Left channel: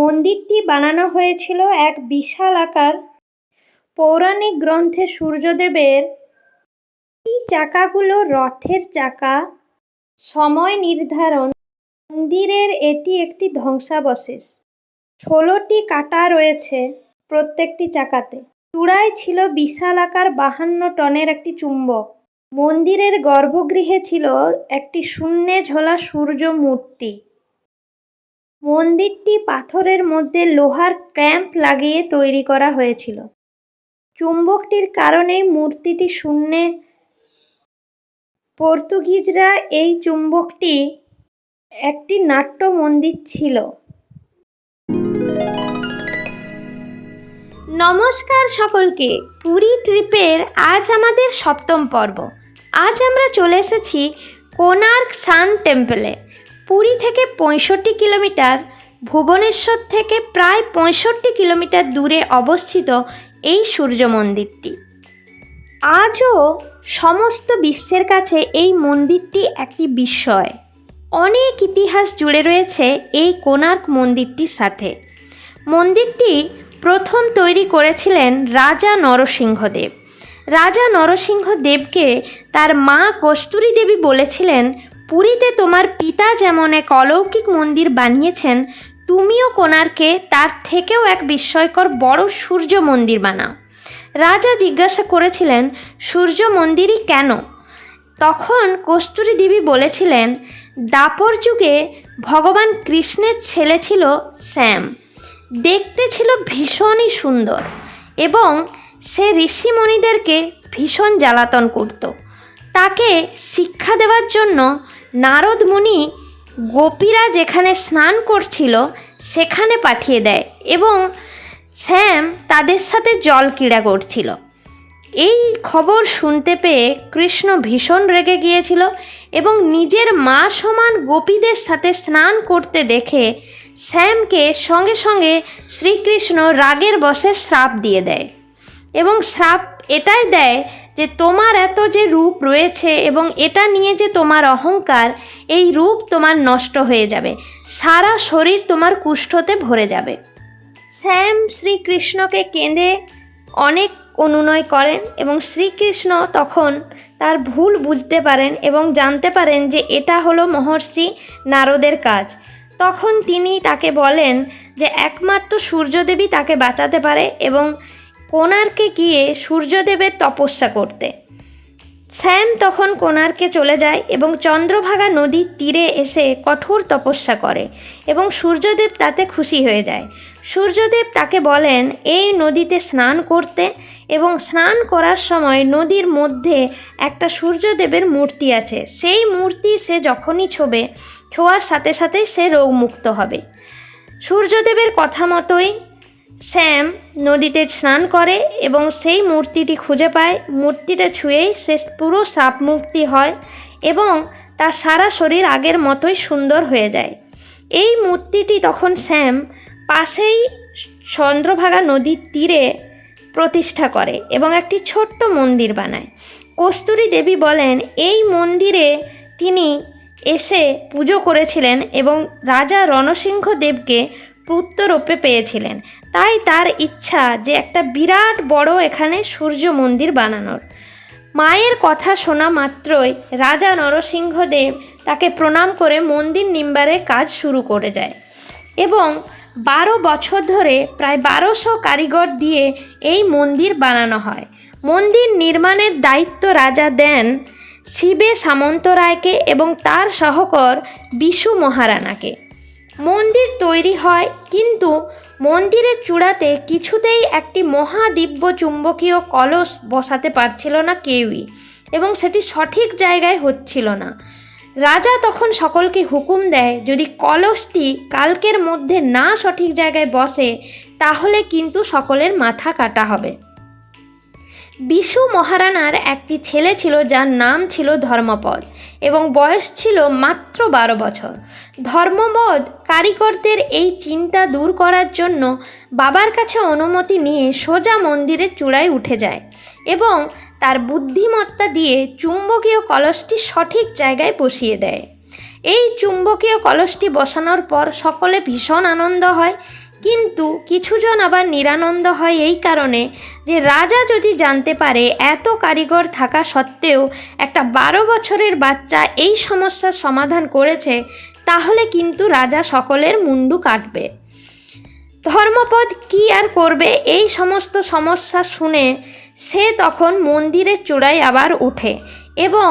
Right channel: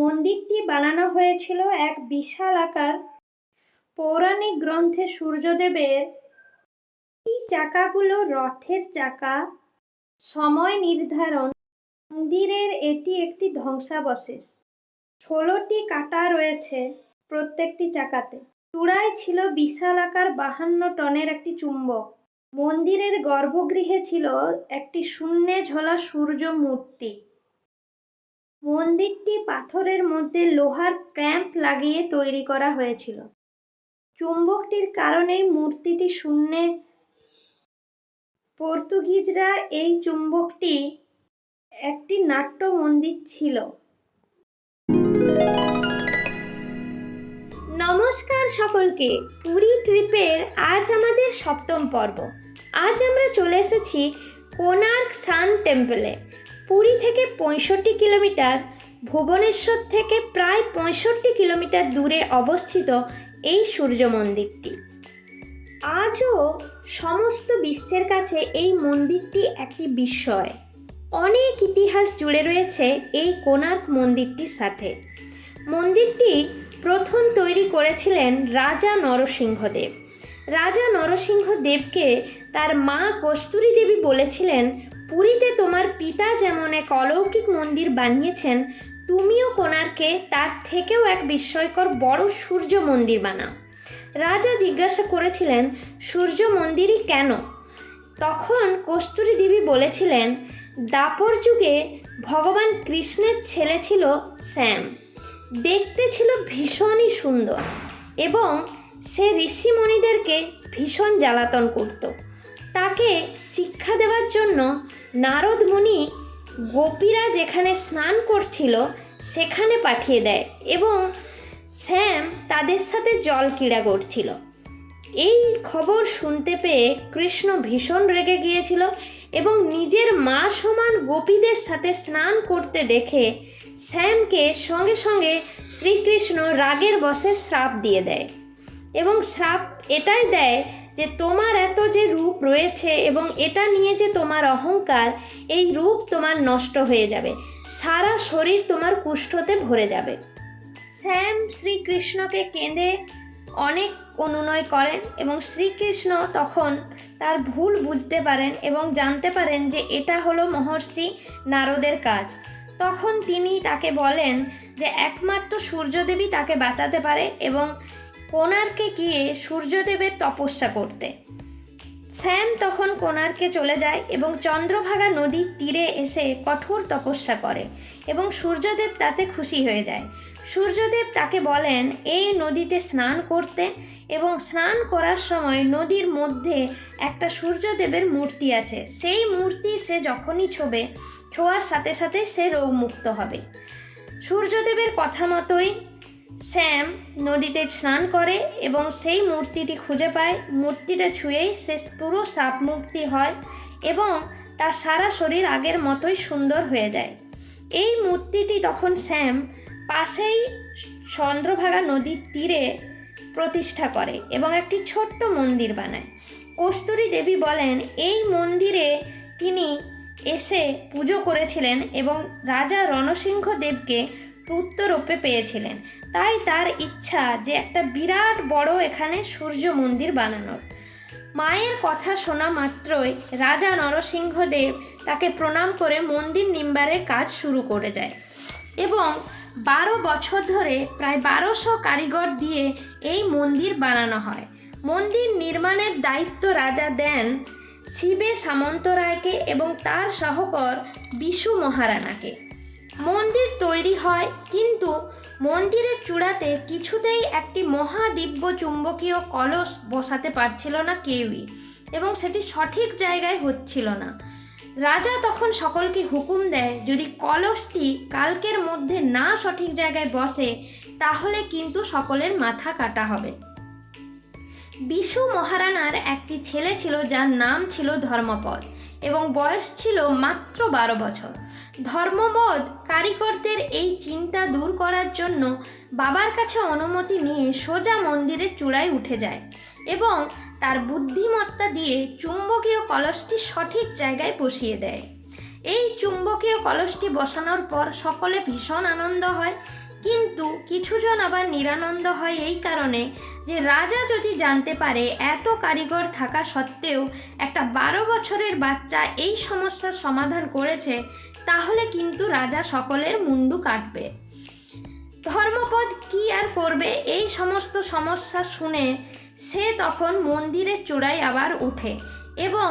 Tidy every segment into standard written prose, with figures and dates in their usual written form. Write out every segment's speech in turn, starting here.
মন্দিরটি বানানো হয়েছিল এক বিশালাকার পৌরাণিক গ্রন্থে সূর্যদেবের এই চাকাগুলো রথের চাকা। সময় নির্ধারণ: মন্দিরের এটি একটি ধ্বংসাবশেষ। 16টি কাঁটা রয়েছে প্রত্যেকটি চাকাতে। চূড়ায় ছিল বিশালাকার 52 টনের একটি চুম্বক। মন্দিরের গর্ভগৃহে ছিল একটি শূন্যে ঝোলা সূর্য মূর্তি। মন্দিরটি পাথরের মধ্যে লোহার ক্ল্যাম্প লাগিয়ে তৈরি করা হয়েছিল। চুম্বকটির কারণেই মূর্তিটি শূন্যে। পর্তুগিজরা এই চুম্বকটি একটি নাট্য মন্দির ছিল। নমস্কার সকলকে, পুরী ট্রিপের আজ আমাদের 7ম পর্ব। আজ আমরা চলে এসেছি কোণার্ক সান টেম্পলে। পুরী থেকে 65 কিলোমিটার, ভুবনেশ্বর থেকে প্রায় 65 কিলোমিটার দূরে অবস্থিত এই সূর্য মন্দিরটি। আজও সমস্ত বিশ্বের কাছে এই মন্দিরটি একটি বিস্ময়। অনেক ইতিহাস জুড়ে রয়েছে এই কোণার্ক মন্দিরটির সাথে। মন্দিরটি প্রথম তৈরি করেছিলেন রাজা নরসিংহদেব। রাজা নরসিংহদেবকে তার মা কস্তুরী দেবী বলেছিলেন, পুরীতে তোমার পিতা যেমন এক অলৌকিক মন্দির বানিয়েছেন, তুমিও কোণার্কে তার থেকেও এক বিস্ময়কর বড় সূর্য মন্দির বানাও। রাজা জিজ্ঞাসা করেছিলেন, সূর্য মন্দিরই কেন? তখন কস্তুরী দেবী বলেছিলেন, দ্বাপর যুগে ভগবান কৃষ্ণের ছেলে ছিল শ্যাম। দেখতে ছিল ভীষণই সুন্দর এবং সে ঋষিমণিদেরকে ভীষণ জ্বালাতন করত। তাকে শিক্ষা দেওয়ার জন্য নারদ মুনি গোপীরা যেখানে স্নান করছিল সেখানে পাঠিয়ে দেয় এবং শ্যাম তাদের সাথে জল ক্রীড়া করছিল। এই খবর শুনতে পেয়ে কৃষ্ণ ভীষণ রেগে গিয়েছিল এবং নিজের মা সমান গোপীদের সাথে স্নান করতে দেখে শ্যামকে সঙ্গে সঙ্গে শ্রীকৃষ্ণ রাগের বশে শ্রাপ দিয়ে দেয় এবং শ্রাপ এটাই দেয় যে তোমার এত যে রূপ রয়েছে এবং এটা নিয়ে যে তোমার অহংকার, এই রূপ তোমার নষ্ট হয়ে যাবে, সারা শরীর তোমার কুষ্ঠতে ভরে যাবে। শ্যাম শ্রীকৃষ্ণকে কেঁদে অনেক অনুনয় করেন এবং শ্রীকৃষ্ণ তখন তার ভুল বুঝতে পারেন এবং জানতে পারেন যে এটা হলো মহর্ষি নারদের কাজ। তখন তিনি তাকে বলেন যে একমাত্র সূর্যদেবী তাকে বাঁচাতে পারে এবং কোণার্কে গিয়ে সূর্যদেবের তপস্যা করতে। শ্যাম তখন কোণার্কে চলে যায় এবং চন্দ্রভাগা নদীর তীরে এসে কঠোর তপস্যা করে এবং সূর্যদেব তাতে খুশি হয়ে যায়। সূর্যদেব তাকে বলেন এই নদীতে স্নান করতে এবং স্নান করার সময় নদীর মধ্যে একটা সূর্যদেবের মূর্তি আছে, সেই মূর্তি সে যখনই ছোঁয়ার সাথে সাথেই সে রোগমুক্ত হবে। সূর্যদেবের কথা মতোই শ্যাম নদীতে স্নান করে এবং সেই মূর্তিটি খুঁজে পায়। মূর্তিটা ছুঁয়েই সে পুরো সাপ মুক্তি হয় এবং তার সারা শরীর আগের মতোই সুন্দর হয়ে যায়। এই মূর্তিটি তখন শ্যাম পাশেই চন্দ্রভাগা নদীর তীরে প্রতিষ্ঠা করে এবং একটি ছোট্ট মন্দির বানায়। কস্তুরী দেবী বলেন এই মন্দিরে তিনি এসে পুজো করেছিলেন এবং রাজা রণসিংহদেবকে পুত্ররূপে পেয়েছিলেন, তাই তার ইচ্ছা যে একটা বিরাট বড় এখানে সূর্য মন্দির বানানোর। মায়ের কথা শোনা মাত্রই রাজা নরসিংহদেব তাকে প্রণাম করে মন্দির নির্মাণের কাজ শুরু করে দেয় এবং 12 বছর ধরে প্রায় 1200 কারিগর দিয়ে এই মন্দির বানানো হয়। মন্দির নির্মাণের দায়িত্ব রাজা দেন শিবে সামন্তরায়কে এবং তার সহকর বিশু মহারানাকে। মন্দির তৈরি হয়, কিন্তু মন্দিরের চূড়াতে কিছুতেই একটি মহাদিব্য চুম্বকীয় কলস বসাতে পারছিল না কেউই এবং সেটি সঠিক জায়গায় হচ্ছিল না। রাজা তখন সকলকে হুকুম দেয় যদি কলসটি কালকের মধ্যে না সঠিক জায়গায় বসে তাহলে কিন্তু সকলের মাথা কাটা হবে। বিশু মহারানার একটি ছেলে ছিল যার নাম ছিল ধর্মপদ এবং বয়স ছিল মাত্র 12 বছর। ধর্মপদ কারিগরদের এই চিন্তা দূর করার জন্য বাবার কাছে অনুমতি নিয়ে সোজা মন্দিরের চূড়ায় উঠে যায় এবং তার বুদ্ধিমত্তা দিয়ে চুম্বকীয় কলসটি সঠিক জায়গায় বসিয়ে দেয়। এই চুম্বকীয় কলসটি বসানোর পর সকলে ভীষণ আনন্দ হয়, কিন্তু কিছুজন আবার নিরানন্দ হয় এই কারণে যে রাজা যদি জানতে পারে এত কারিগর থাকা সত্ত্বেও একটা 12 বছরের বাচ্চা এই সমস্যার সমাধান করেছে, তাহলে কিন্তু রাজা সকলের মুন্ডু কাটবে। ধর্মপদ কি আর করবে, এই সমস্ত সমস্যা শুনে সে তখন মন্দিরের চূড়ায় আবার ওঠে এবং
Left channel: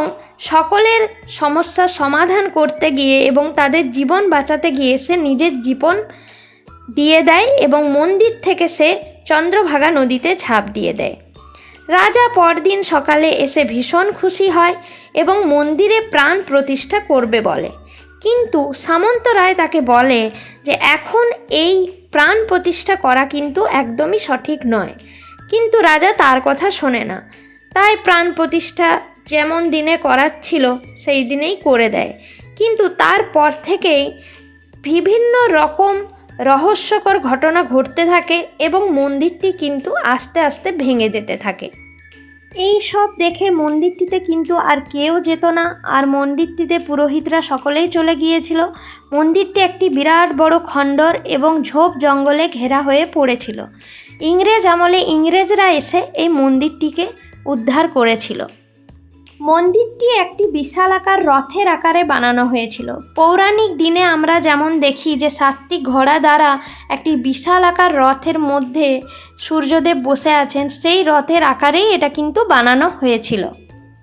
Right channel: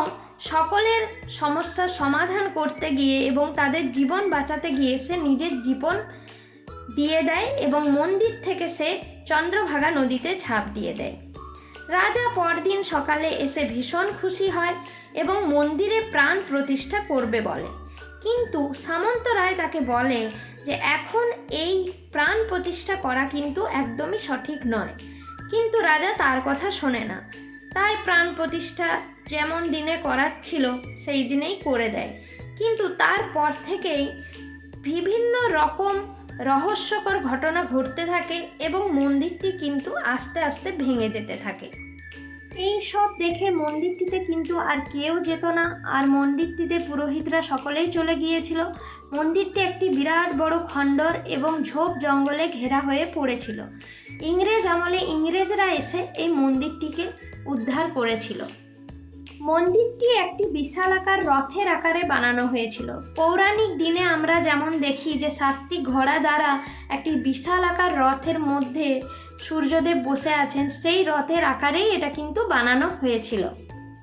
সকলের সমস্যার সমাধান করতে গিয়ে এবং তাদের জীবন বাঁচাতে গিয়ে সে নিজের জীবন দিয়ে দেয় এবং মন্দির থেকে সে চন্দ্রভাগা নদীতে ঝাঁপ দিয়ে দেয়। রাজা পরদিন সকালে এসে ভীষণ খুশি হয় এবং মন্দিরে প্রাণ প্রতিষ্ঠা করবে বলে, কিন্তু সামন্তরায় তাকে বলে যে এখন এই প্রাণ প্রতিষ্ঠা করা কিন্তু একদমই সঠিক নয়। কিন্তু রাজা তার কথা শোনে না, তাই প্রাণ প্রতিষ্ঠা যেমন দিনে করার ছিল সেই দিনেই করে দেয়। কিন্তু তারপর থেকেই বিভিন্ন রকম রহস্যকর ঘটনা ঘটতে থাকে এবং মন্দিরটি কিন্তু আস্তে আস্তে ভেঙে যেতে থাকে। এই সব দেখে মন্দিরটিতে কিন্তু আর কেউ যেত না, আর মন্দিরটিতে পুরোহিতরা সকলেই চলে গিয়েছিল। মন্দিরটি একটি বিরাট বড় খণ্ডর এবং ঝোপ জঙ্গলে ঘেরা হয়ে পড়েছিল। ইংরেজ আমলে ইংরেজরা এসে এই মন্দিরটিকে উদ্ধার করেছিল। মন্দিরটি একটি বিশালাকার রথের আকারে বানানো হয়েছিল। পৌরাণিক দিনে আমরা যেমন দেখি যে 7টি ঘোড়া দ্বারা একটি বিশালাকার রথের মধ্যে সূর্যদেব বসে আছেন, সেই রথের আকারেই এটা কিন্তু বানানো হয়েছিল।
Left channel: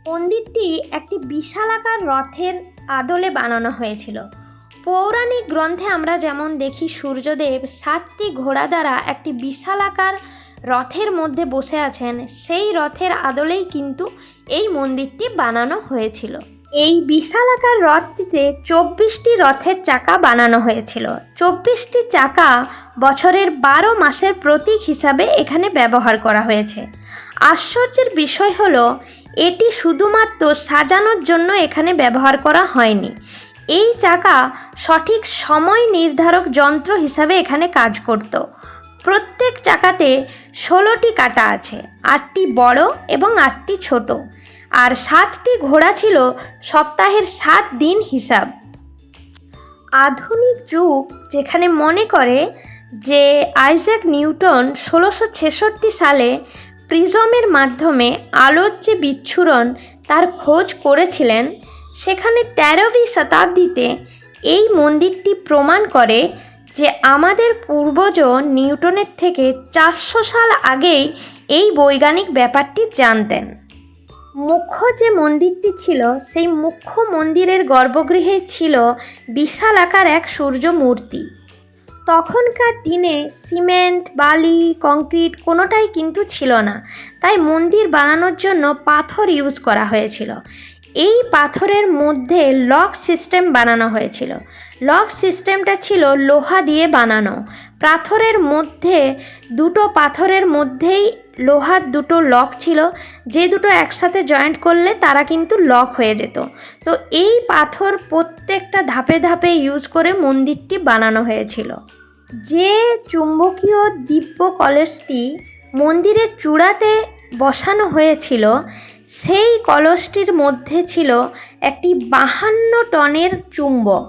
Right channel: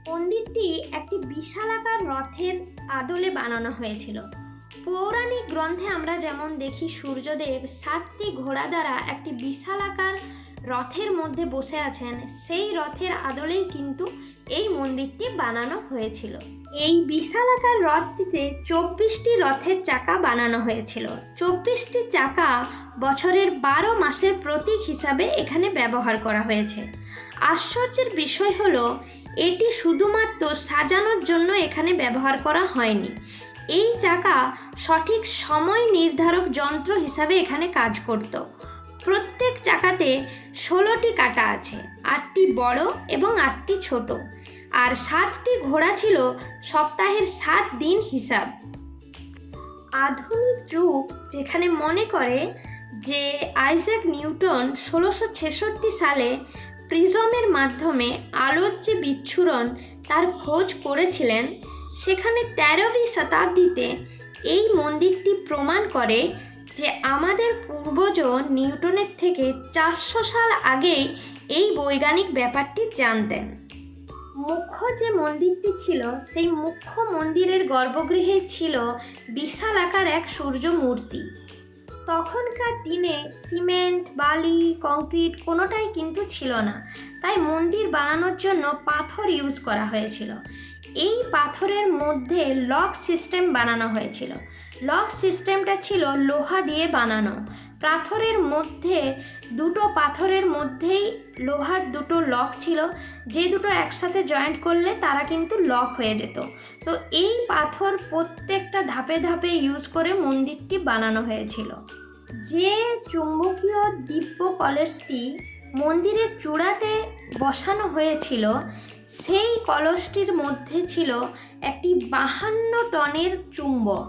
মন্দিরটি একটি বিশালাকার রথের আদলে বানানো হয়েছিল। পৌরাণিক গ্রন্থে আমরা যেমন দেখি সূর্যদেব 7টি ঘোড়া দ্বারা একটি বিশালাকার রথের মধ্যে বসে আছেন, সেই রথের আদলেই কিন্তু এই মন্দিরটি বানানো হয়েছিল। এই বিশালাকার রথটিতে 24টি রথের চাকা বানানো হয়েছিল। 24টি চাকা বছরের 12 মাসের প্রতীক হিসাবে এখানে ব্যবহার করা হয়েছে। আশ্চর্যের বিষয় হলো এটি শুধুমাত্র সাজানোর জন্য এখানে ব্যবহার করা হয়নি। এই চাকা সঠিক সময় নির্ধারক যন্ত্র হিসাবে এখানে কাজ করত। প্রত্যেক চাকাতে 16টি কাঁটা আছে, 8টি বড় এবং 8টি ছোট, আর 7টি ঘোড়া ছিল সপ্তাহের 7 দিন হিসাব। আধুনিক যুগ যেখানে মনে করে যে আইজ্যাক নিউটন 1666 সালে প্রিজমের মাধ্যমে আলোর যে বিচ্ছুরণ তার খোঁজ করেছিলেন, সেখানে 13वीं শতাব্দীতে এই মন্দিরটি প্রমাণ করে যে আমাদের পূর্বজ নিউটনের থেকে 400 সাল আগেই এই বৈজ্ঞানিক ব্যাপারটি জানতেন। মুখ্য যে মন্দিরটি ছিল সেই মুখ্য মন্দিরের গর্ভগৃহে ছিল বিশাল আকার এক সূর্য মূর্তি। তখনকার দিনে সিমেন্ট, বালি, কংক্রিট কোনোটাই কিন্তু ছিল না, তাই মন্দির বানানোর জন্য পাথর ইউজ করা হয়েছিল। এই পাথরের মধ্যে লক সিস্টেম বানানো হয়েছিল। লক সিস্টেমটা ছিল লোহা দিয়ে বানানো। পাথরের মধ্যে দুটো পাথরের মধ্যেই লোহার দুটো লক ছিল, যে দুটো একসাথে জয়েন্ট করলে তারা কিন্তু লক হয়ে যেত। তো এই পাথর প্রত্যেকটা ধাপে ধাপে ইউজ করে মন্দিরটি বানানো হয়েছিল। যে চুম্বকীয় দিব্য কলসটি মন্দিরের চূড়াতে বসানো হয়েছিল, সেই কলসটির মধ্যে ছিল একটি 52 টনের চুম্বক।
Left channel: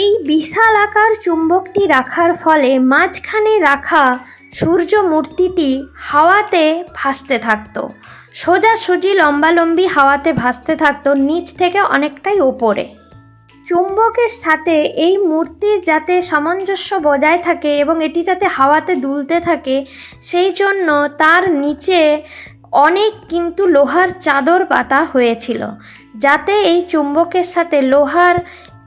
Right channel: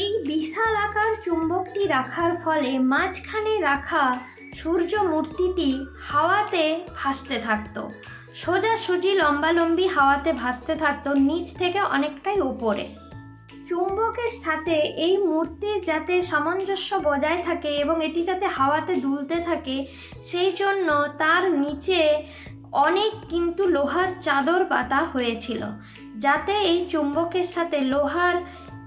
এই বিশাল আকার চুম্বকটি রাখার ফলে মাঝখানে রাখা সূর্য মূর্তিটি হাওয়াতে ভাসতে থাকতো, সোজাসুজি লম্বালম্বি হাওয়াতে ভাসতে থাকতো, নিচ থেকে অনেকটাই ওপরে। চুম্বকের সাথে এই মূর্তির যাতে সামঞ্জস্য বজায় থাকে এবং এটি যাতে হাওয়াতে দুলতে থাকে, সেই জন্য তার নিচে অনেক কিন্তু লোহার চাদর পাতা হয়েছিল, যাতে এই চুম্বকের সাথে লোহার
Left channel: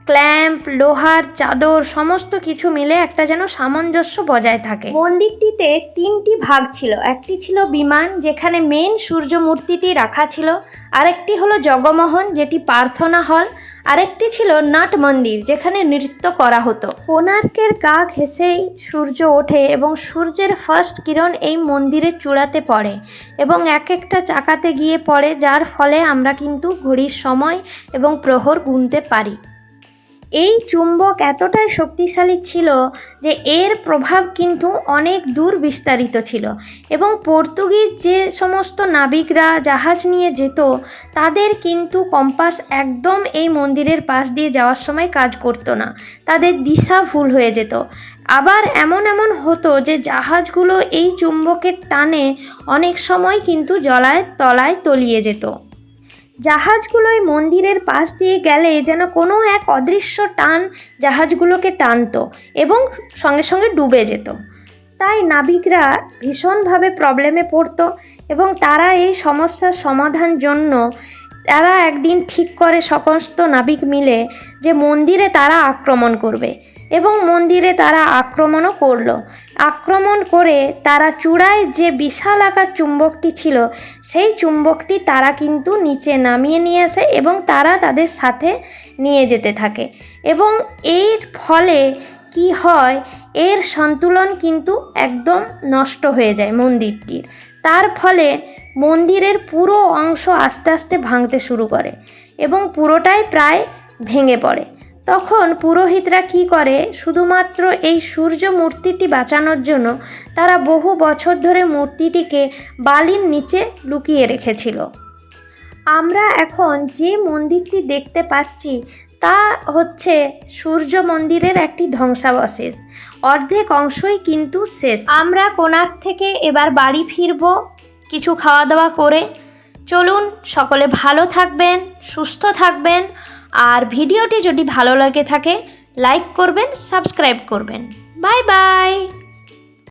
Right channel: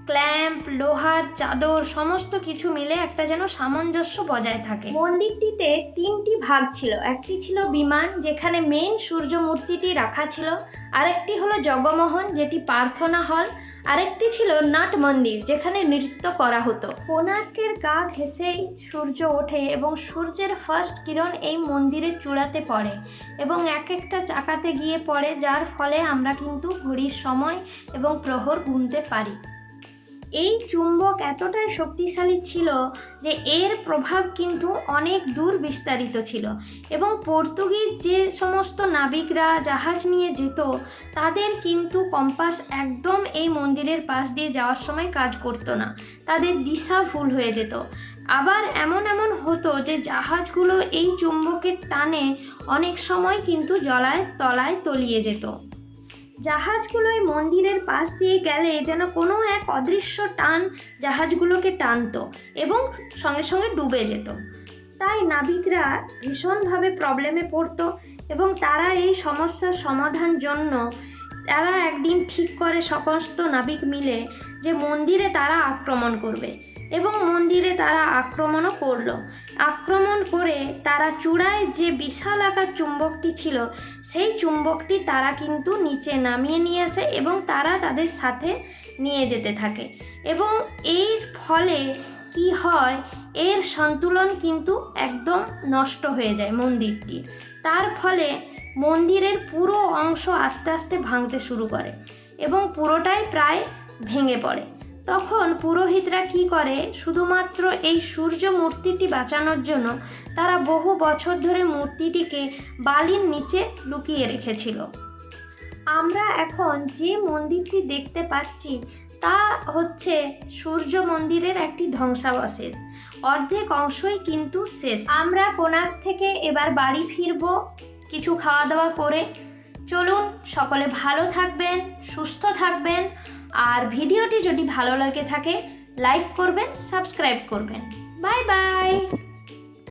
ক্ল্যাম্প, লোহার চাদর সমস্ত কিছু মিলে একটা যেন সামঞ্জস্য বজায় থাকে। মন্দিরটিতে 3টি ভাগ ছিল। একটি ছিল বিমান, যেখানে মেন সূর্য মূর্তিটি রাখা ছিল। আরেকটি হলো জগমোহন, যেটি প্রার্থনা হল। আরেকটি ছিল নাট মন্দির, যেখানে নৃত্য করা হতো। কোণার্কের গা ঘেঁষেই সূর্য ওঠে এবং সূর্যের ফার্স্ট কিরণ এই মন্দিরের চূড়াতে পড়ে এবং এক একটা চাকাতে গিয়ে পড়ে, যার ফলে আমরা কিন্তু ঘড়ির সময় এবং প্রহর গুনতে পারি। এই চুম্বক এতটাই শক্তিশালী ছিল যে এর প্রভাব কিন্তু অনেক দূর বিস্তারিত ছিল এবং পর্তুগিজ যে সমস্ত নাবিকরা জাহাজ নিয়ে যেত, তাদের কিন্তু কম্পাস একদম এই মন্দিরের পাশ দিয়ে যাওয়ার সময় কাজ করতো না, তাদের দিশা ভুল হয়ে যেত। আবার এমন হতো যে জাহাজগুলো এই চুম্বকের টানে অনেক সময় কিন্তু জলায় তলায় তলিয়ে যেত। জাহাজগুলোই মন্দিরের পাশ দিয়ে গেলে যেন কোনো এক অদৃশ্য টান জাহাজগুলোকে টানতো এবং সঙ্গে সঙ্গে ডুবে যেত। তাই নাবিকরা ভীষণভাবে প্রবলেমে পড়তো এবং তারা এই সমস্যার সমাধান জন্য তারা একদিন ঠিক করে সমস্ত নাবিক মিলে যে মন্দিরে তারা আক্রমণ করবে এবং মন্দিরে তারা আক্রমণও করলো। আক্রমণ করে তারা চূড়ায় যে বিশাল আকার চুম্বকটি ছিল সেই চুম্বকটি তারা কিন্তু নিচে নামিয়ে নিয়ে আসে এবং তারা তাদের সাথে নিয়ে যেতে থাকে এবং এর ফলে কি হয়, এর সন্তুলন কিন্তু একদম নষ্ট হয়ে যায় মন্দিরটির। তার ফলে মন্দিরের পুরো অংশ আস্তে আস্তে ভাঙতে শুরু করে এবং পুরোটাই প্রায় ভেঙে পড়ে। তখন পুরোহিতরা কি করে, শুধুমাত্র এই সূর্য মূর্তিটি বাঁচানোর জন্য তারা বহু বছর ধরে মূর্তিটিকে বালির নিচে লুকিয়ে রেখেছিল। আমরা এখন যে মন্দিরটি দেখতে পাচ্ছি তা হচ্ছে সূর্য মন্দিরের একটি ধ্বংসাবশেষ। অর্ধেক অংশই কিন্তু শেষ। আমরা কোণার্ক থেকে এবার বাড়ি ফিরব কিছু খাওয়া দাওয়া করে। চলুন, সকলে ভালো থাকবেন, সুস্থ থাকবেন, আর ভিডিওটি যদি ভালো লাগে থাকে লাইক করবেন, সাবস্ক্রাইব করবেন। Bye bye.